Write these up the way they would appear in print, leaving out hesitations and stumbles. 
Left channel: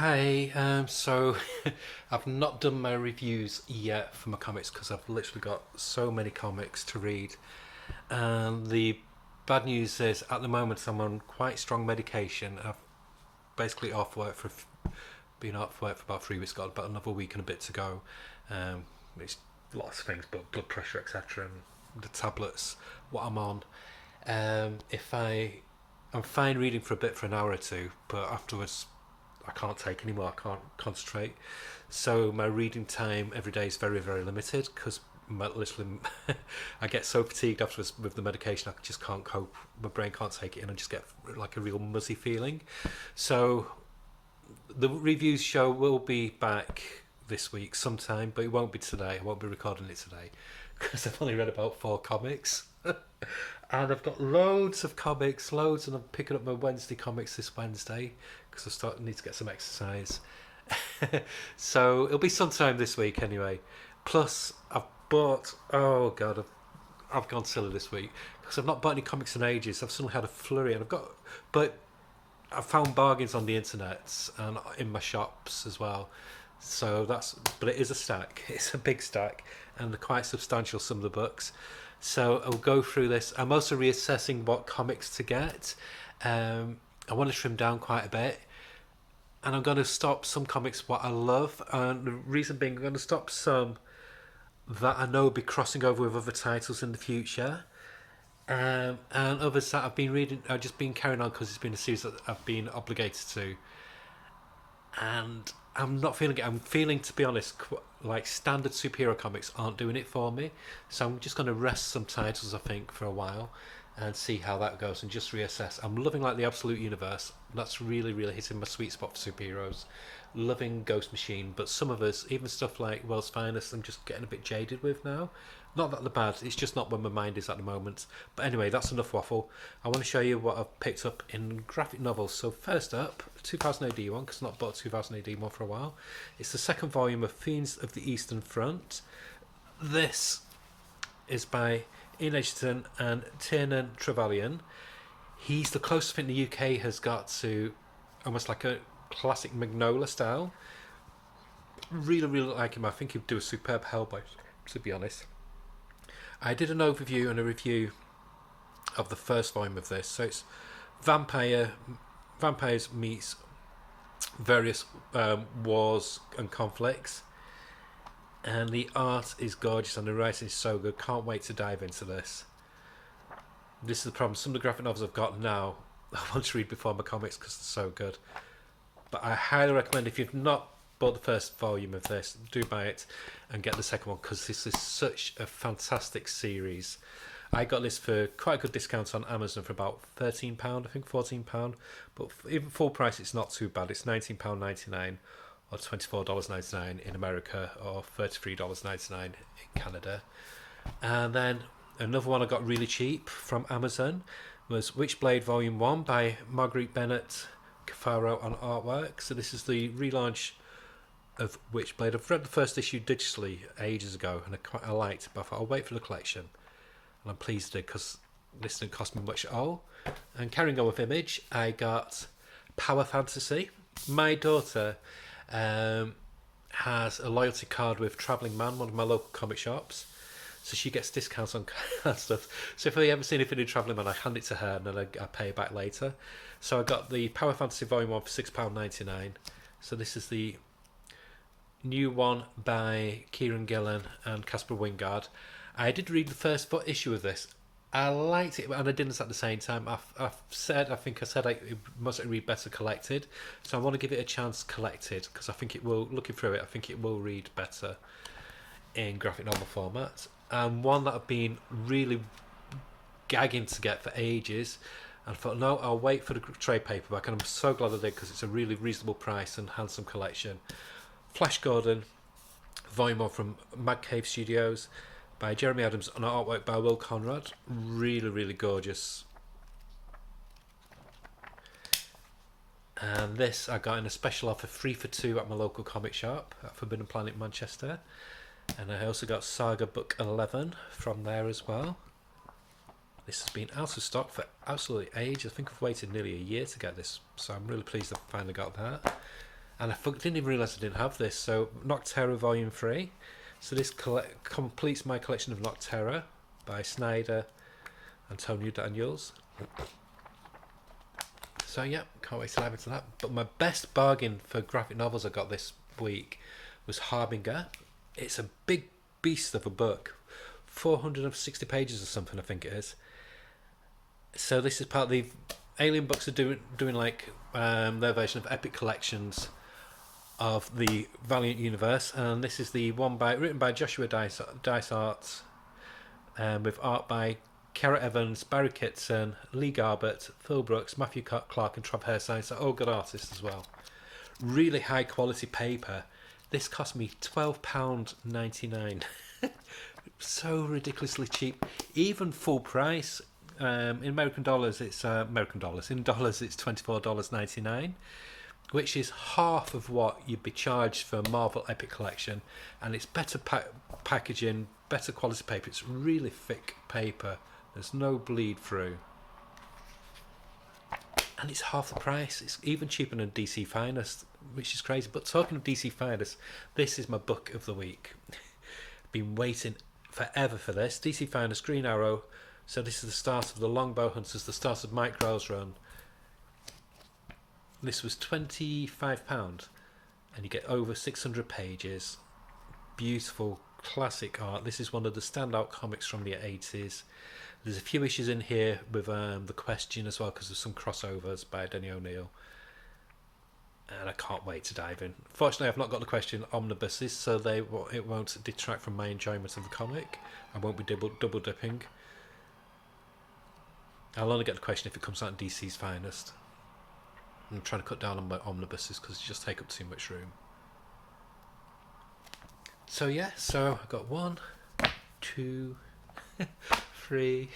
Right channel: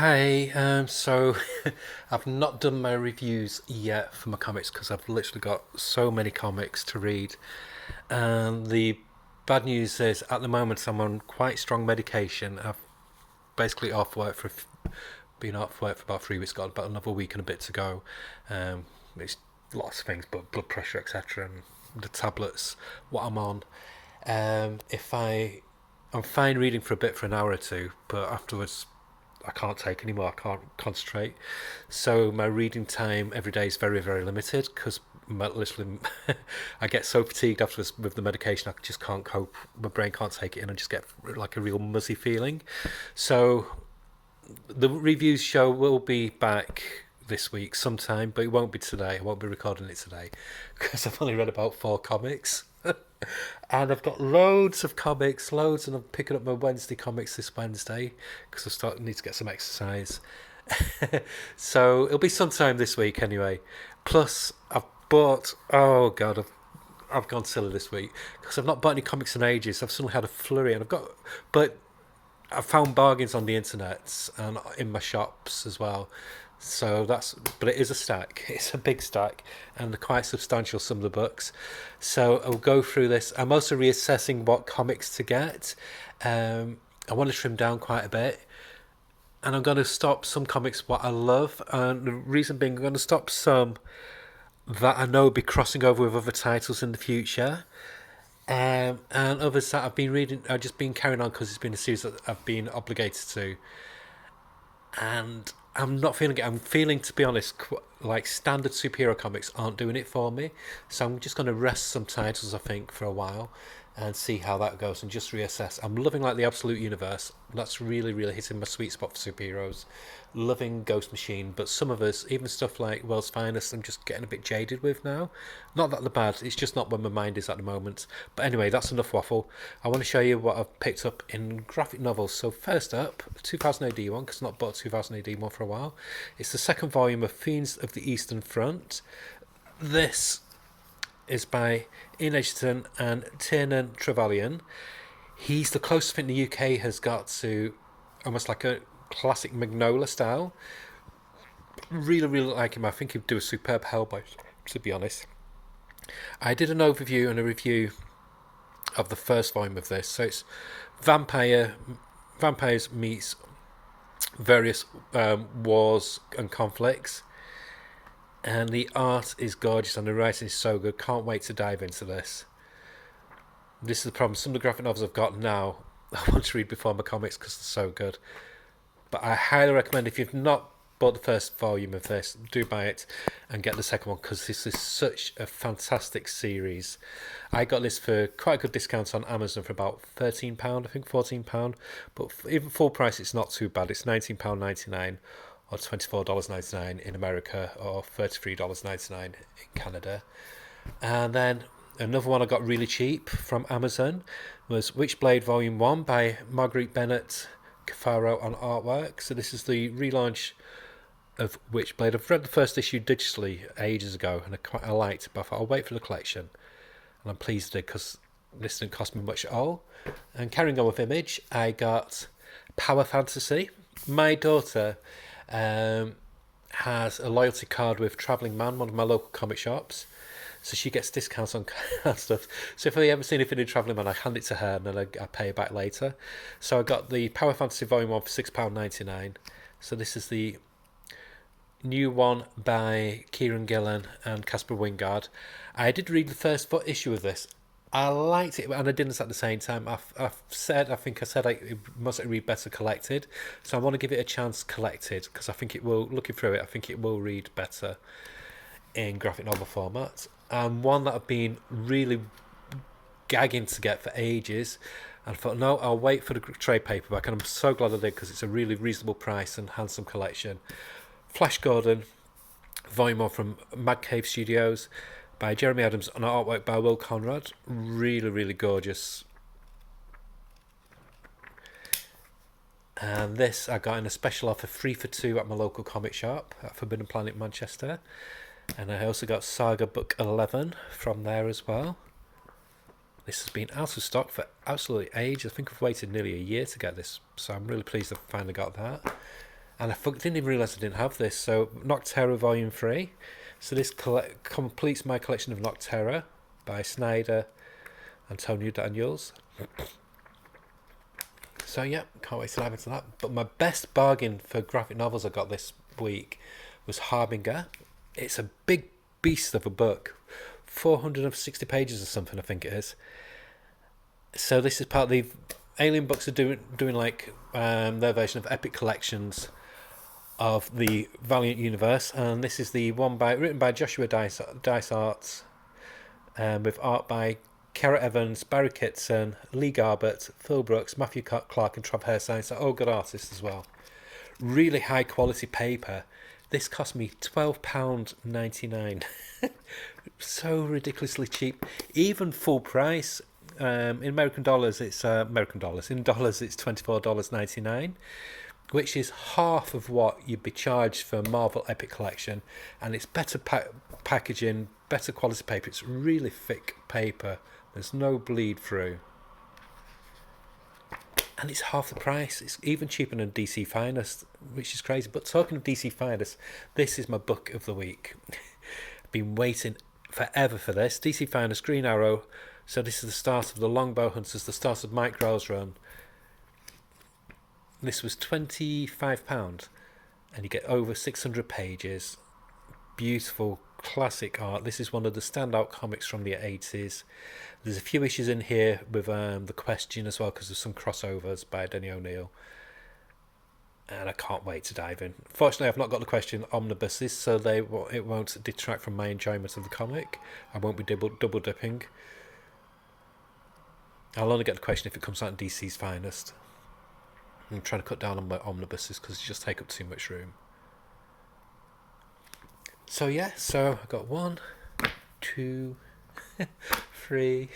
Hi, so I've not done my reviews yet for my comics because I've literally got so many comics to read. And the bad news is, at the moment, I'm on quite strong medication. I've basically been off work for about 3 weeks. Got about another week and a bit to go. It's lots of things, but blood pressure, etc., and the tablets. What I'm on. If I'm fine reading for a bit for an hour or two, but afterwards I can't take anymore. I can't concentrate. So my reading time every day is very, very limited because literally I get so fatigued afterwards with the medication. I just can't cope. My brain can't take it in. I just get like a real muzzy feeling. So the reviews show will be back this week sometime, but it won't be today. I won't be recording it today because I've only read about 4 comics. And I've got loads of comics, loads, and I'm picking up my Wednesday comics this Wednesday because need to get some exercise. So it'll be sometime this week anyway. Plus, I've bought. Oh god, I've gone silly this week because I've not bought any comics in ages. I've suddenly had a flurry, and but I found bargains on the internet and in my shops as well. So but it is a stack. It's a big stack and quite substantial, some of the books. So I'll go through this. I'm also reassessing what comics to get. I want to trim down quite a bit. And I'm going to stop some comics what I love. And the reason being, I'm going to stop some that I know will be crossing over with other titles in the future. And others that I've been reading, I've just been carrying on because it's been a series that I've been obligated to. And I'm not feeling it. I'm feeling, to be honest, like standard superhero comics aren't doing it for me. So I'm just going to rest some titles, I think, for a while and see how that goes and just reassess. I'm loving like the Absolute Universe. That's really, really hitting my sweet spot for superheroes. Loving Ghost Machine, but some of us, even stuff like World's Finest, I'm just getting a bit jaded with now. Not that they're bad, it's just not where my mind is at the moment. But anyway, that's enough waffle. I want to show you what I've picked up in graphic novels. So first up, 2000 AD one, because I've not bought 2000 AD one for a while. It's the second volume of Fiends of the Eastern Front. This is by Ian Edgerton and Tiernan Trevelyan. He's the closest thing the UK has got to almost like a classic Magnola style. Really, really like him. I think he'd do a superb Hellboy, to be honest. I did an overview and a review of the first volume of this. So it's vampires meets various wars and conflicts. And the art is gorgeous and the writing is so good. Can't wait to dive into this. This is the problem. Some of the graphic novels I've got now, I want to read before my comics because they're so good. But I highly recommend, if you've not bought the first volume of this, do buy it and get the second one because this is such a fantastic series. I got this for quite a good discount on Amazon for about £13, I think £14. But even full price, it's not too bad. It's £19.99 or $24.99 in America or $33.99 in Canada. And then another one I got really cheap from Amazon was Witchblade Volume 1 by Marguerite Bennett Cafaro on artwork. So this is the relaunch of Witchblade. I've read the first issue digitally ages ago and I liked it, but I thought I'll wait for the collection. And I'm pleased because this didn't cost me much at all. And carrying on with Image, I got Power Fantasy. My daughter has a loyalty card with Travelling Man, one of my local comic shops. So she gets discounts on stuff. So if I ever see anything in Travelling Man, I hand it to her and then I pay it back later. So I got the Power Fantasy Volume 1 for £6.99. So this is the new one by Kieran Gillen and Casper Wingard. I did read the first issue of this. I liked it, and I didn't at the same time. I think I said it must read better collected. So I want to give it a chance collected because I think it will, looking through it, I think it will read better in graphic novel format. One that I've been really gagging to get for ages. And I thought, no, I'll wait for the trade paperback, and I'm so glad I did because it's a really reasonable price and handsome collection. Flash Gordon, volume 1 from Mad Cave Studios by Jeremy Adams and artwork by Will Conrad. Really, really gorgeous. And this I got in a special offer 3 for 2 at my local comic shop at Forbidden Planet Manchester. And I also got Saga Book 11 from there as well. This has been out of stock for absolutely ages. I think I've waited nearly a year to get this, so I'm really pleased I've finally got that. and didn't even realise I didn't have this. So Nocterra Volume 3. So this completes my collection of Nocterra by Snyder, Antonio Daniels. So yeah, can't wait to dive into that. But my best bargain for graphic novels I got this week was Harbinger. It's a big beast of a book, 460 pages or something, I think it is. So this is part of the Alien Books are doing like their version of Epic Collections of the Valiant universe, and this is the one written by Joshua Dysart, with art by Kara Evans, Barry Kitson, Lee Garbett, Phil Brooks, Matthew Clark, and Trav Hairsine. So all good artists as well. Really high quality paper. This cost me £12.99. So ridiculously cheap, even full price. In American dollars, it's American dollars. In dollars, it's $24.99, which is half of what you'd be charged for a Marvel Epic Collection, and it's better packaging, better quality paper. It's really thick paper. There's no bleed through, and it's half the price. It's even cheaper than DC Finest, which is crazy. But talking of DC Finest, this is my book of the week. I've been waiting forever for this. DC Finest, Green Arrow. So this is the start of the Longbow Hunters, the start of Mike Grell's run. This was £25, and you get over 600 pages. Beautiful, classic art. This is one of the standout comics from the 80s. There's a few issues in here with The Question as well, because there's some crossovers by Denny O'Neil. And I can't wait to dive in. Fortunately, I've not got The Question omnibuses, so it won't detract from my enjoyment of the comic. I won't be double dipping. I'll only get The Question if it comes out in DC's Finest. I'm trying to cut down on my omnibuses because they just take up too much room. So yeah, so I got 1, 2, 3,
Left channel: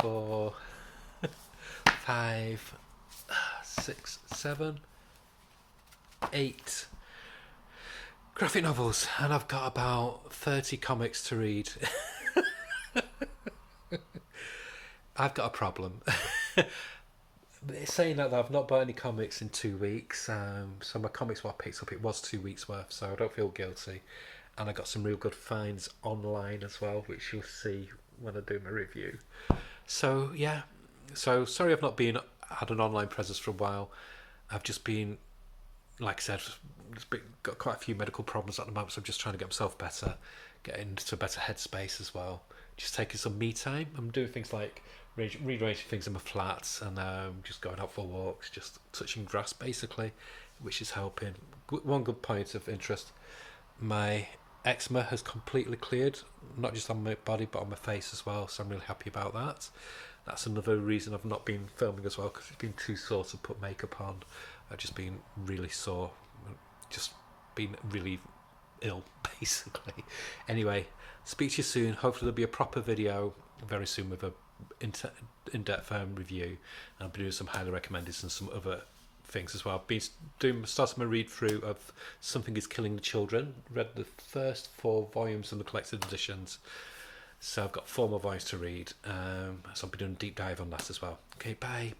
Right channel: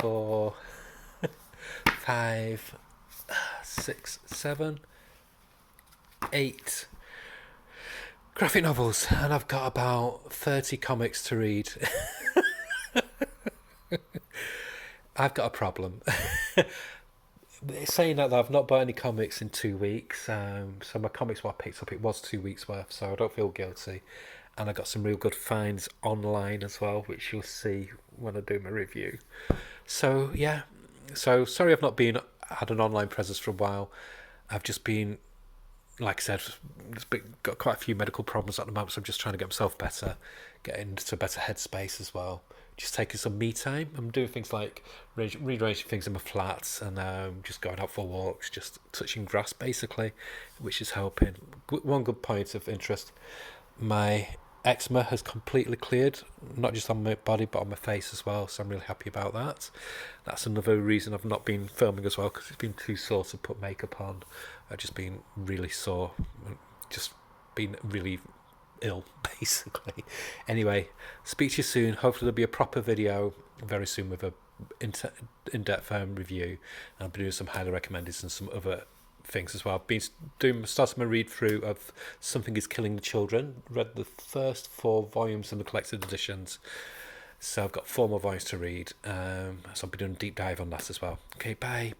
4, 5, 6, 7, 8 graphic novels, and I've got about 30 comics to read. I've got a problem. Saying that, I've not bought any comics in 2 weeks. So my comics what I picked up, it was 2 weeks worth, so I don't feel guilty. And I got some real good finds online as well, which you'll see when I do my review. So yeah, so sorry I've not had an online presence for a while. I've just been, like I said, got quite a few medical problems at the moment, so I'm just trying to get myself better, get into a better headspace as well. Just taking some me time. I'm doing things like rearranging things in my flats, and just going out for walks, just touching grass basically, which is helping. One good point of interest, my eczema has completely cleared, not just on my body but on my face as well, so I'm really happy about that. That's another reason I've not been filming as well, because it's been too sore to put makeup on. I've just been really sore, just been really ill basically. Anyway, speak to you soon. Hopefully there'll be a proper video very soon with a in-depth review, and I'll be doing some highly recommended and some other things as well. I've been starting my read through of Something Is Killing the Children. Read the first 4 volumes in the collected editions, so I've got 4 more volumes to read, so I'll be doing a deep dive on that as well. Okay, bye.